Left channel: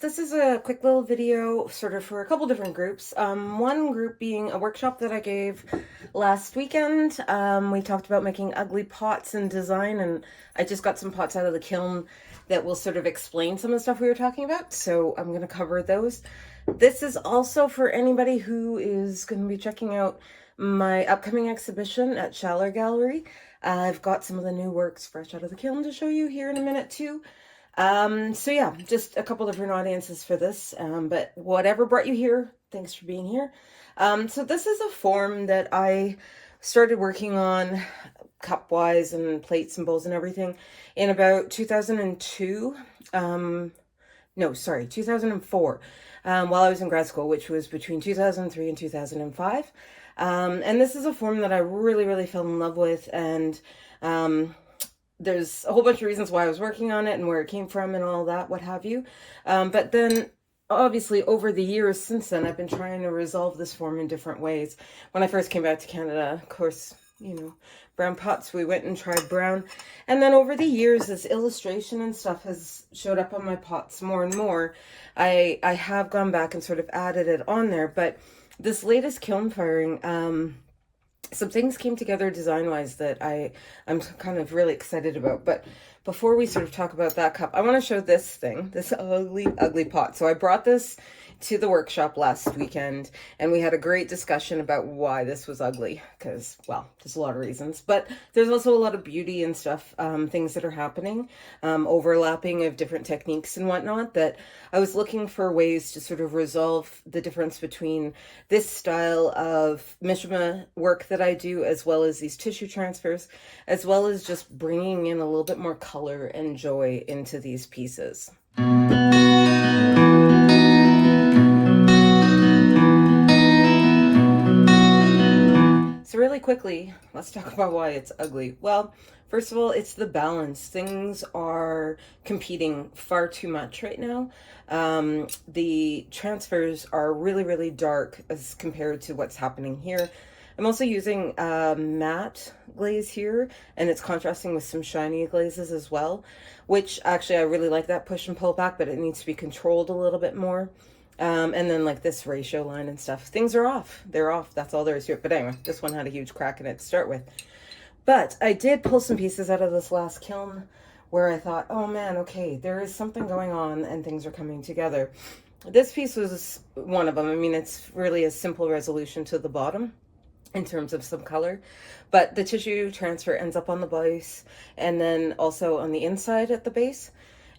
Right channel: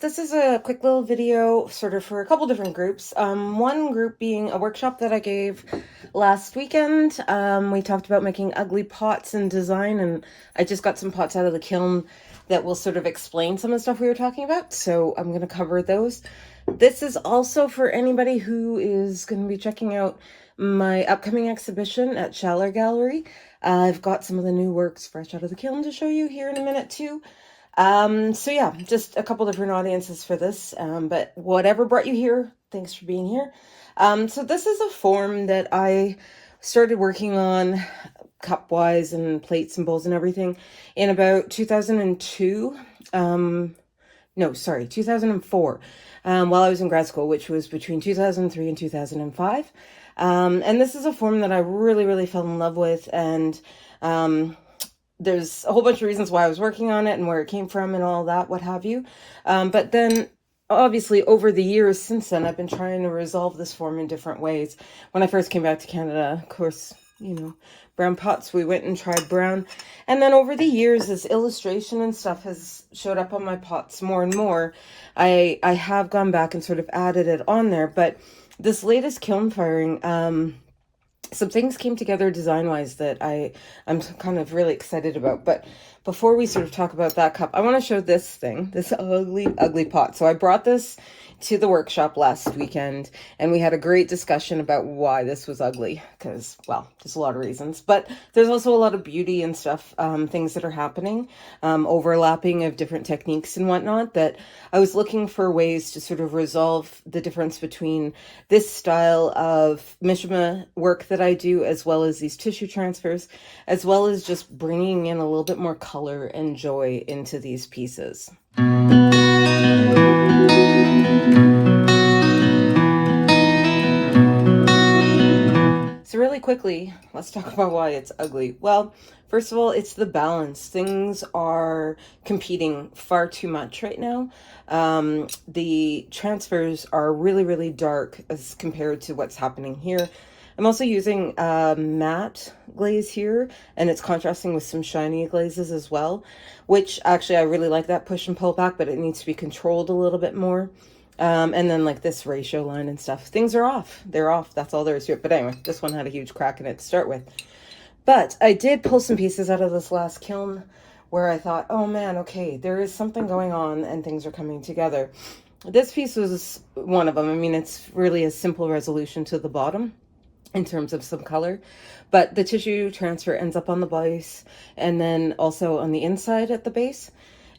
this is a quick little video sort of for a couple different groups. One group being a workshop that I gave last weekend. We talked about making ugly pots and design, and I just got some pots out of the kiln that will sort of explain some of the stuff we were talking about. So I'm going to cover those. This is also for anybody who is going to be checking out my upcoming exhibition at Schaller Gallery. I've got some of the new works fresh out of the kiln to show you here in a minute too. So yeah, just a couple different audiences for this, but whatever brought you here, thanks for being here. So this is a form that I started working on cup-wise and plates and bowls and everything in about 2002. No, sorry, 2004, while I was in grad school, which was between 2003 and 2005. And this is a form that I really fell in love with, and there's a whole bunch of reasons why I was working on it and where it came from and all that, what have you. But then obviously over the years since then, I've been trying to resolve this form in different ways. When I first came back to Canada, of course, you know, brown pots, we went and tried brown. And then over the years, as illustration and stuff has showed up on my pots more and more, I have gone back and sort of added it on there. But this latest kiln firing, some things came together design-wise that I'm kind of really excited about. But before we sort of talk about that cup, I want to show this thing, this ugly pot. So I brought this to the workshop last weekend, and we had a great discussion about why this was ugly, because, well, there's a lot of reasons, but there's also a lot of beauty and stuff, things that are happening, overlapping of different techniques and whatnot, that I was looking for ways to sort of resolve the difference between this style of mishima work that I do, as well as these tissue transfers, as well as just bringing in a little bit more color and joy into these pieces. So really quickly, let's talk about why it's ugly. Well, first of all, it's the balance. Things are competing far too much right now. The transfers are really dark as compared to what's happening here. I'm also using matte glaze here, and it's contrasting with some shiny glazes as well, which actually I really like that push and pull back, but it needs to be controlled a little bit more. And then like this ratio line and stuff, things are off. They're off. That's all there is to it. But anyway, this one had a huge crack in it to start with. But I did pull some pieces out of this last kiln where I thought, oh man, okay, there is something going on and things are coming together. This piece was one of them. I mean, it's really a simple resolution to the bottom in terms of some color, but the tissue transfer ends up on the base and then also on the inside at the base.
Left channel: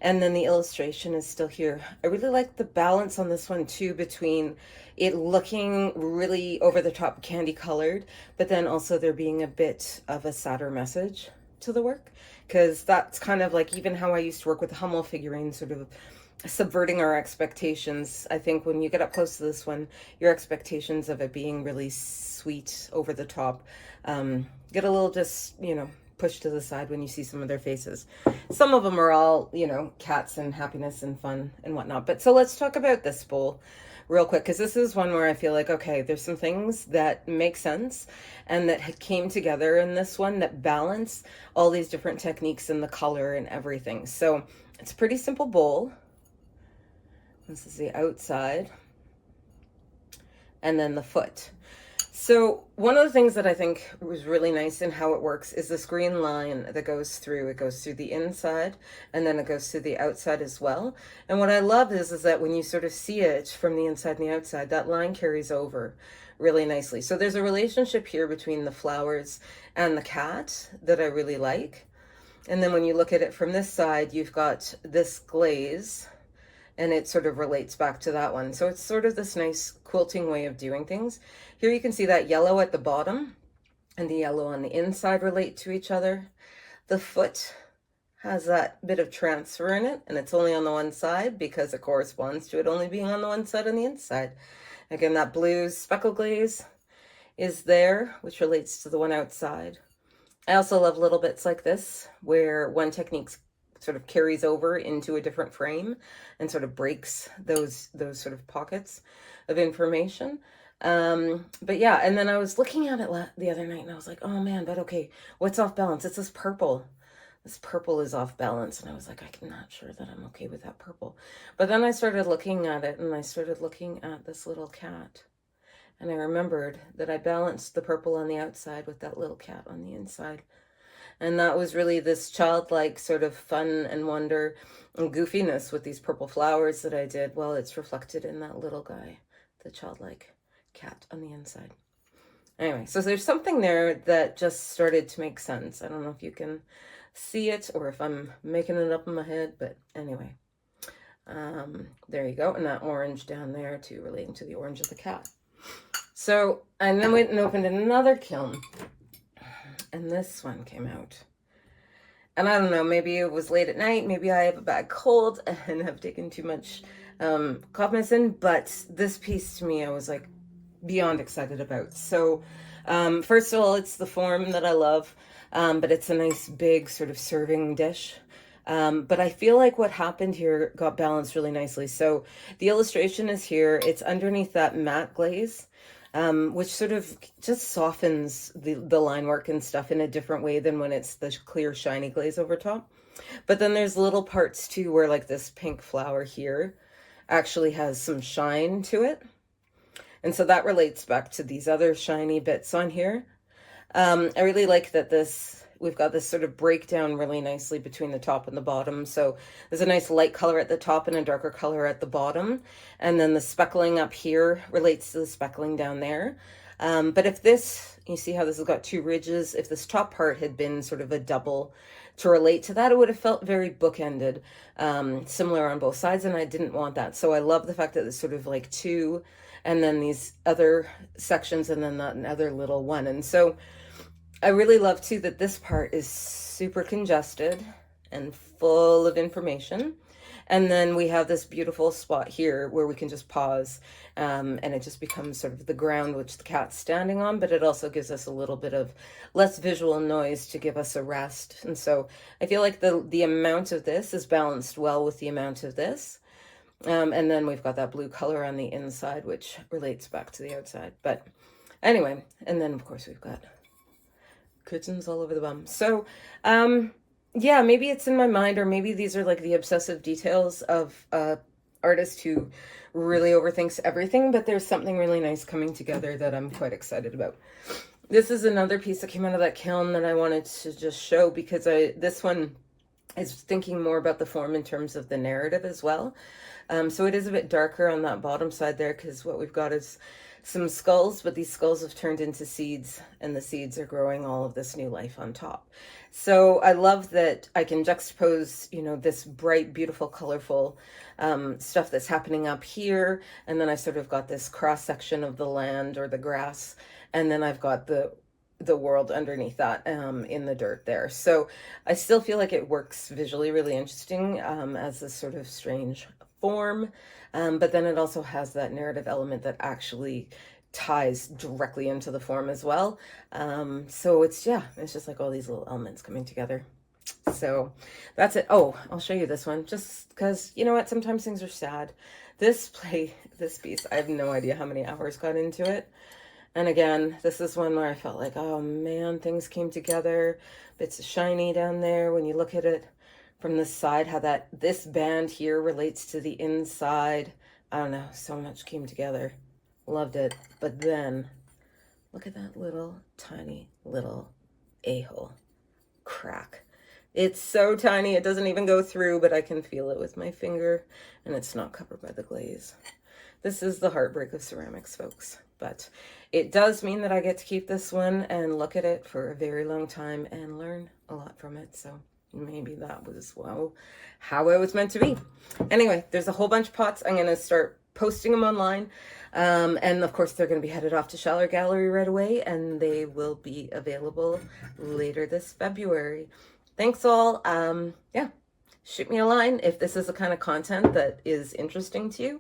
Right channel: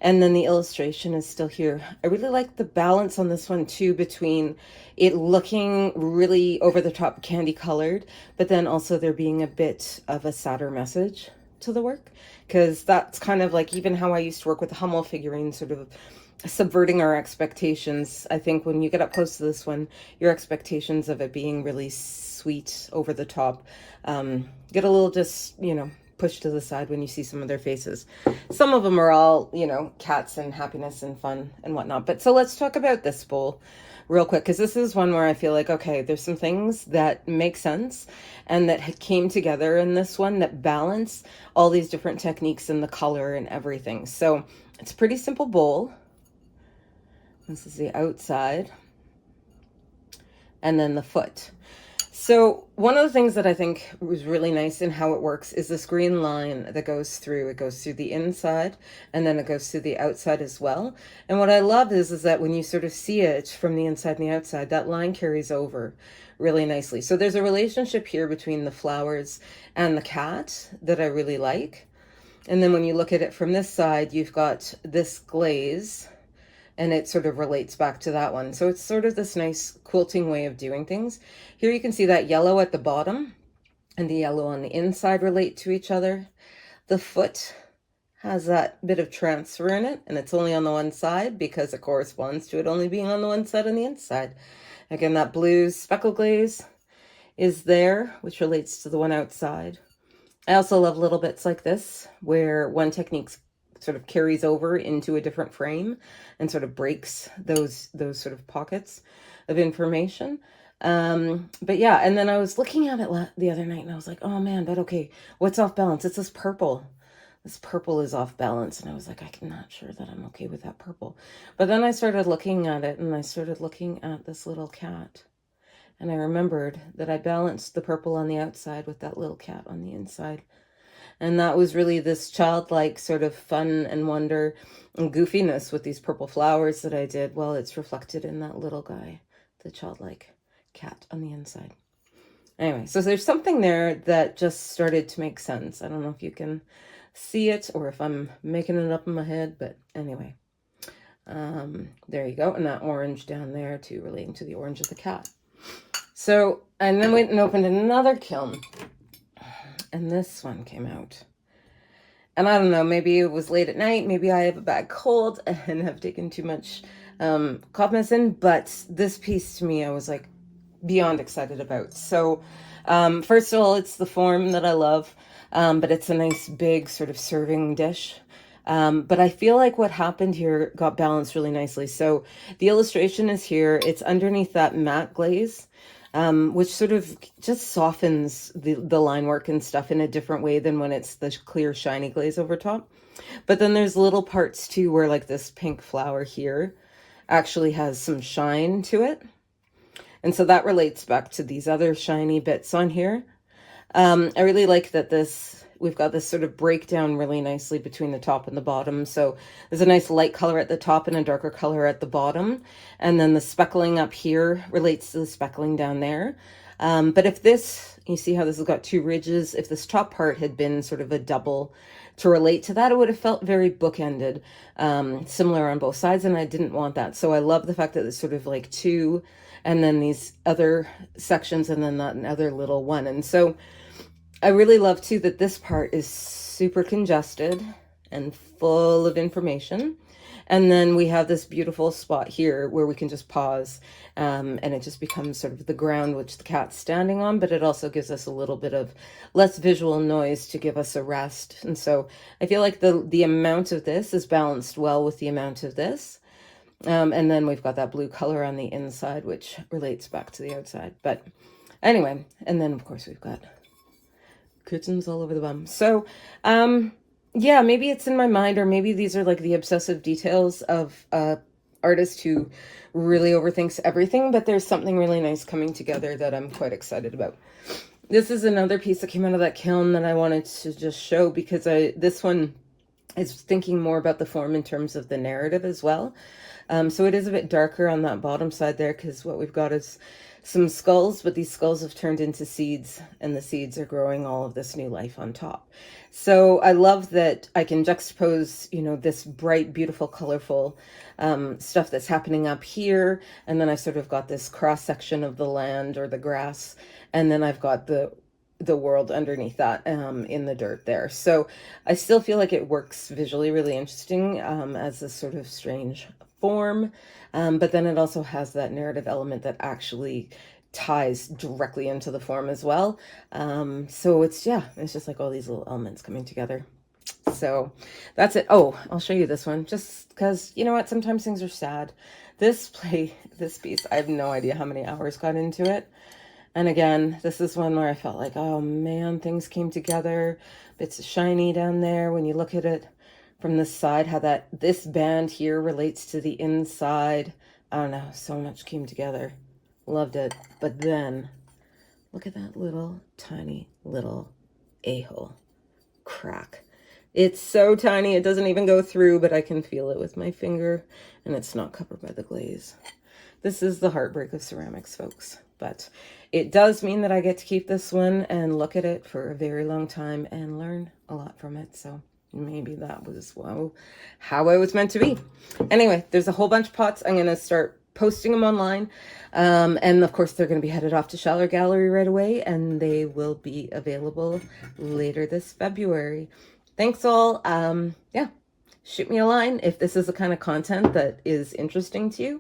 And then the illustration is still here. I really like the balance on this one too, between it looking really over the top candy colored, but then also there being a bit of a sadder message to the work. Because that's kind of like even how I used to work with the Hummel figurine, sort of subverting our expectations. I think when you get up close to this one, your expectations of it being really sweet over the top get a little just, you know, pushed to the side when you see some of their faces. Some of them are all, you know, cats and happiness and fun and whatnot. But so let's talk about this bowl real quick, because this is one where I feel like, okay, there's some things that make sense and that came together in this one that balance all these different techniques and the color and everything. So it's a pretty simple bowl. This is the outside, and then the foot. So one of the things that I think was really nice in how it works is this green line that goes through. It goes through the inside and then it goes through the outside as well. And what I love is that when you sort of see it from the inside and the outside, that line carries over really nicely. So there's a relationship here between the flowers and the cat that I really like. And then when you look at it from this side, you've got this glaze, and it sort of relates back to that one. So it's sort of this nice quilting way of doing things. Here you can see that yellow at the bottom and the yellow on the inside relate to each other. The foot has that bit of transfer in it, and it's only on the one side because it corresponds to it only being on the one side on the inside. Again, that blue speckle glaze is there, which relates to the one outside. I also love little bits like this, where one technique sort of carries over into a different frame and sort of breaks those sort of pockets of information. But yeah, and then I was looking at it the other night and I was like, oh man, but okay, what's off balance? It's this purple. this purple is off balance. And I was like, I'm not sure that I'm okay with that purple. But then I started looking at it, and I started looking at this little cat. And I remembered that I balanced the purple on the outside with that little cat on the inside. And that was really this childlike sort of fun and wonder and goofiness with these purple flowers that I did. Well, it's reflected in that little guy, the childlike cat on the inside. Anyway, so there's something there that just started to make sense. I don't know if you can see it or if I'm making it up in my head, but anyway. There you go. And that orange down there too, relating to the orange of the cat. So, and then went and opened another kiln. And this one came out. And I don't know, maybe it was late at night, maybe I have a bad cold and have taken too much cough medicine, but this piece to me I was like beyond excited about. So first of all, it's the form that I love, but it's a nice big sort of serving dish. But I feel like what happened here got balanced really nicely. So the illustration is here, it's underneath that matte glaze. Which sort of just softens the line work and stuff in a different way than when it's the clear shiny glaze over top. But then there's little parts too where like this pink flower here actually has some shine to it. And so that relates back to these other shiny bits on here. I really like that we've got this sort of breakdown really nicely between the top and the bottom. So there's a nice light color at the top and a darker color at the bottom. And then the speckling up here relates to the speckling down there. But if this, you see how this has got two ridges, if this top part had been sort of a double to relate to that, it would have felt very bookended, similar on both sides. And I didn't want that. So I love the fact that it's sort of like two, and then these other sections, and then that other little one. And so I really love too that this part is super congested and full of information. And then we have this beautiful spot here where we can just pause, and it just becomes sort of the ground which the cat's standing on, but it also gives us a little bit of less visual noise to give us a rest. And so I feel like the amount of this is balanced well with the amount of this. And then we've got that blue color on the inside, which relates back to the outside. But anyway, and then of course we've got kittens all over the bum. So, yeah, maybe it's in my mind, or maybe these are like the obsessive details of artist who really overthinks everything, but there's something really nice coming together that I'm quite excited about. This is another piece that came out of that kiln that I wanted to just show because this one is thinking more about the form in terms of the narrative as well. So it is a bit darker on that bottom side there because what we've got is some skulls, but these skulls have turned into seeds, and the seeds are growing all of this new life on top. So I love that I can juxtapose, you know, this bright, beautiful, colorful stuff that's happening up here, and then I sort of got this cross section of the land or the grass, and then I've got the world underneath that in the dirt there. So I still feel like it works visually really interesting as this sort of strange form, but then it also has that narrative element that actually ties directly into the form as well. So it's just like all these little elements coming together. So that's it. Oh, I'll show you this one just because, you know what, sometimes things are sad. This piece, I have no idea how many hours got into it. And again, this is one where I felt like, oh man, things came together. Bits of shiny down there when you look at it from the side, how this band here relates to the inside. I don't know, so much came together. Loved it. But then look at that little tiny little a-hole crack. It's so tiny it doesn't even go through, but I can feel it with my finger, and it's not covered by the glaze. This is the heartbreak of ceramics, folks. But it does mean that I get to keep this one and look at it for a very long time and learn a lot from it. So maybe that was how I was meant to be. Anyway, there's a whole bunch of pots. I'm going to start posting them online. And of course, they're going to be headed off to Schaller Gallery right away, and they will be available later this February. Thanks all. Yeah, shoot me a line if this is the kind of content that is interesting to you.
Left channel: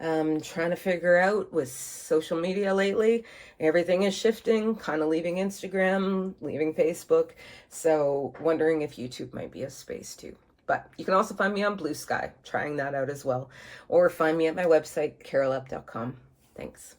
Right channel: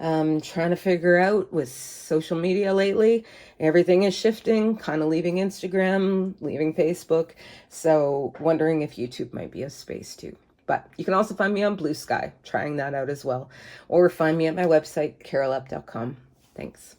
Trying to figure out with social media lately, everything is shifting, kind of leaving Instagram, leaving Facebook. So wondering if YouTube might be a space too. But you can also find me on Blue Sky, trying that out as well. Or find me at my website, carolup.com. Thanks.